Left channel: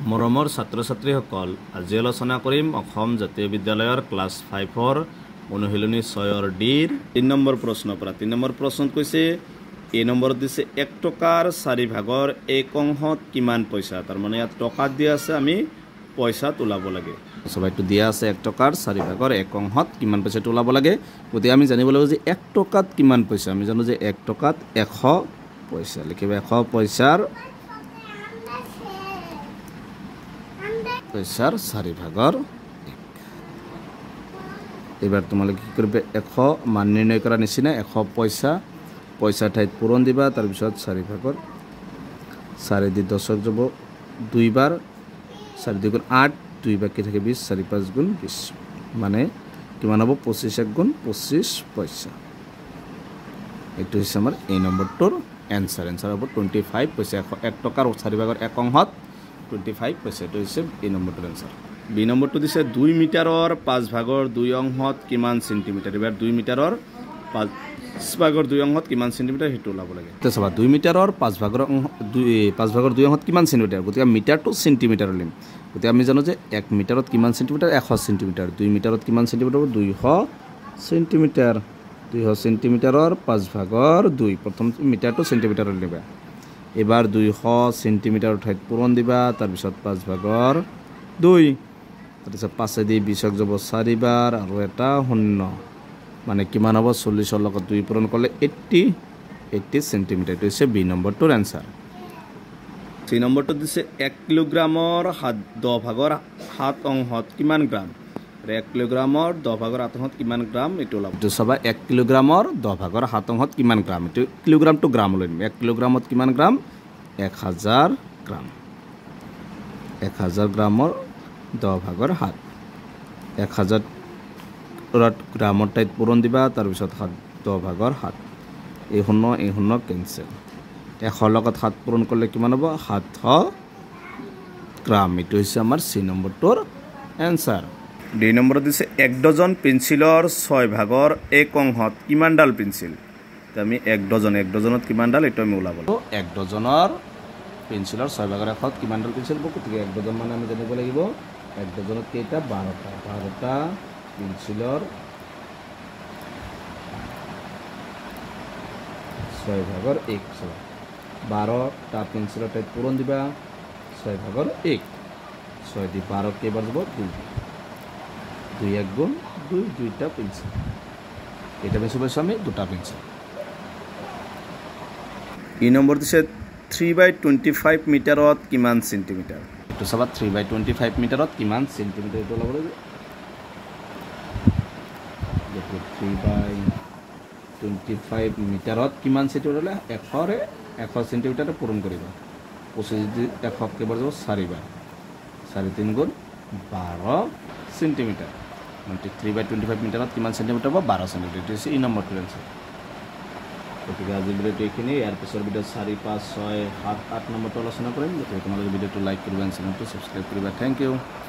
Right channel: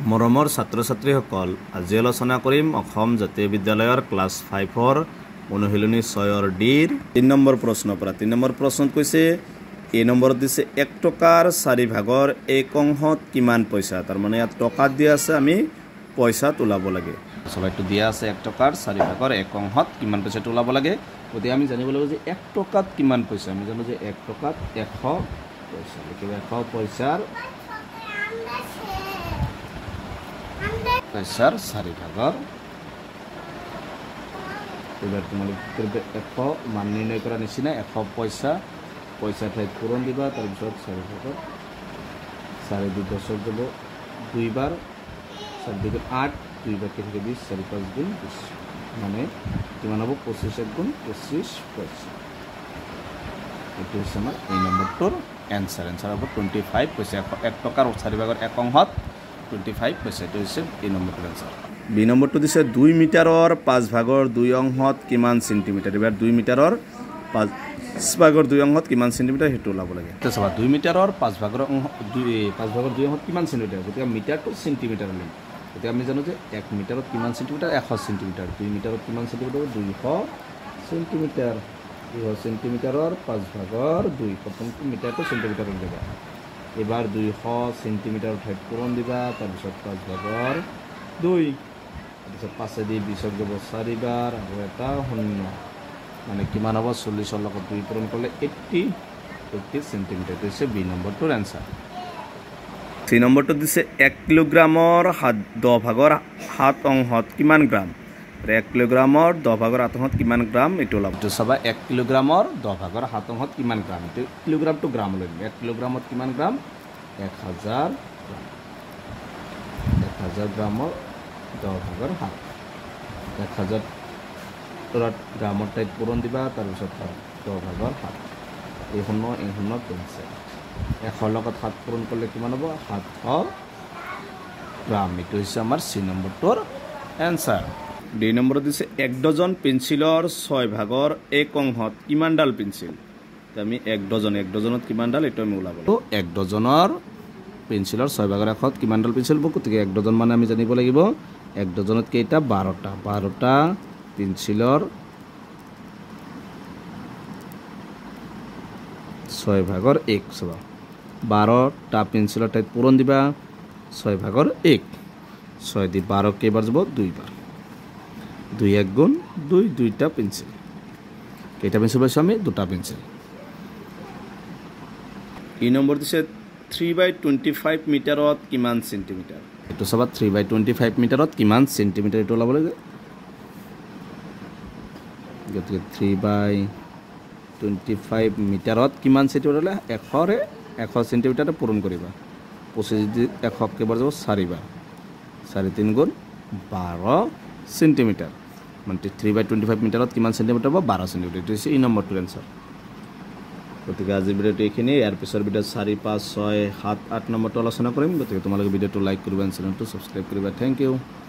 মৰমৰ ছাত্ৰ-ছাত্ৰীসকল, আজি আলোচনা কৰিম অসম জাতীয় বিদ্যালয়ৰ ক্লাছ 5ৰ অনুশীলনী 6ৰ ডিৰ 3 নম্বৰ প্ৰশ্নৰ পৰা। 3 নম্বৰ প্ৰশ্নত কৈছে এই নম্বৰত দিছে 1 টকাৰ 4 ভাগৰ 1 অংশত কিমান পইচা। তাৰ মানে ইয়াত টকাত দিয়া আছে, আমি পইচাত ওলাব লাগে। সবাইটো দিয়া আছে 1 টকাৰ 4 ভাগৰ 1 অংশত কিমান পইচাটো ওলাব লাগে। গতিকে আমি জানিব লাগিব যে 1 টকাত কিমান পইচা। আমি জানো যে 1 টকাত 100 পইচা। লিখিব 100 পইচাৰ 4 ভাগৰ। এবাৰ তোমালোকে কি কৰবে 100 মান নিৰ্ণয় কৰা নিচিনা 100 পয়সা ঠাইত পূৰণ দিবা। তাৰপিছত 4 ভাগৰ 4 দি 10 যাব 2 বাৰ 4 2 গুণ 8 2 বাকি থাকে 20 4 5 গুণ 20 মানে কিমান হ'ব 25 1 গুণ 25 পয়সা। এটো হৈছে আমাৰ এই নম্বৰটোৰ এনসাৰ হ'ব 25 পয়সা। 1 টকাৰ 4 ভাগৰ 1 অংশত 25 পয়সা। এটো হৈছে এই নম্বৰটোৰ এনসাৰ। বি নম্বৰটো দিছে 2 মিটাৰৰ 5 ভাগৰ 2 অংশত কিমান সেন্টিমিটাৰ। এবাৰ 2 মিটাৰৰ 5 ভাগৰ 2 অংশত কিমান সেন্টিমিটাৰ হেতু ওলাব লাগে। তো চাবা 2 মিটাৰৰ 5 ভাগৰ 2 অংশত কিমান সেন্টিমিটাৰ। গতিকে মিটাৰটো সেন্টিমিটাৰ লিম। গতিকে আমি জানো যে 1 মিটাৰত কিমান সেন্টিমিটাৰ 100 সেন্টিমিটাৰ। 2 মিটাৰত কিমান সেন্টিমিটাৰ 200 সেন্টিমিটাৰ। 200 সেন্টিমিটাৰৰ 5 ভাগৰ 2 প্ৰথম মিটাৰটো সেন্টিমিটাৰত লিবা। এবাৰ 200 সেন্টিমিটাৰ ঠাইত পূৰণ দিবা। তাৰপিছত 5 ভাগৰ 2 তাৰপিছত 5 দি 20 যাব 4 বাৰ আৰু এটা 0 মানে কিমান হ'ব 40 ৰ লগত 2 পূৰণ কৰিলে 80 সেন্টিমিটাৰ। এটো হৈছে বি নম্বৰটোৰ এনসাৰ। সি নম্বৰটো দিছে 1 কিলোগ্ৰামৰ 10 ভাগৰ 7 অংশত কিমান গ্ৰাম। 1 কিলোগ্ৰামৰ 10 ভাগৰ 7 অংশত কিমান গ্ৰাম এটো ওলাব। তো চাবা 1 কিলোগ্ৰামৰ 10 ভাগৰ 7 অংশত কিমান গ্ৰাম। এটো কিলোগ্ৰাম টু গ্ৰাম লৈ 1 কিলোগ্ৰামত কিমান গ্ৰাম 1000 গ্ৰাম। 1000 গ্ৰামৰ 10 ভাগৰ 7 1000 গ্ৰামৰ ঠাইত পূৰণ দিবা। তাৰপিছত 10 ভাগৰ 7 এই 0 কেনসেল। 100 লগত 7 পূৰণ কৰিলে কিমান হ'ব 700 গ্ৰাম। এটো হৈছে আমাৰ সি নম্বৰটোৰ এনসাৰ। ডি নম্বৰত দিছে 1 ডজন পেন্সিলৰ 6 ভাগৰ 1 অংশত কিমান ডাল পেন্সিল। আমি 1 ডজনত কিমান ডাল এটো আমি ওলাব লাগিব। 1 ডজনৰ পেন্সিলৰ 6 ভাগৰ 1ত কিমান ডাল পেন্সিল হ'ব। গতিকে 1 ডজন মানে আমি জানিব লাগিব 1 ডজনত কেইটা 12টা পেন্সিলৰ 6 ভাগৰ 1 12টা পেন্সিলৰ ঠাইত পূৰণ দিবা 6 ভাগৰ 1 6 দি 12 কেইবাৰ যাব 2 বাৰ 2 1 গুণ 2 2টা পেন্সিল। কেইটা পেন্সিল পাইছো আমি 2টা পেন্সিল। ই নম্বৰ দিছে 3/25 মিটাৰত কিমান সেন্টিমিটাৰ। এটো চাবা 3/25 মিটাৰত কিমান সেন্টিমিটাৰ এটো ওলাব লাগে। গতিকে 3/25 মিটাৰত কিমান সেন্টিমিটাৰ হলে 100 সেন্টিমিটাৰে পূৰণ কৰিব। 25 দি 100 কেবাৰ যাব 4 বাৰ 4 3 গুণ 12 সেন্টিমিটাৰ। মানে 3/25 মিটাৰত কিমান সেন্টিমিটাৰ হ'ব 12 সেন্টিমিটাৰ। এটো হৈছে ই নম্বৰটোৰ এনসাৰ। গতিকে আজিৰ ভিডিঅ'টো এইখিনি। ইয়াৰ পিছৰ ভিডিঅ 4 5 6 7 8 নম্বৰটো আলোচনা কৰিম। গতিকে তোমালোকে ভিডিঅ'টো লাইক কৰিবা, চেনেলটো সাবস্ক্ৰাইব কৰিবা। Thank U.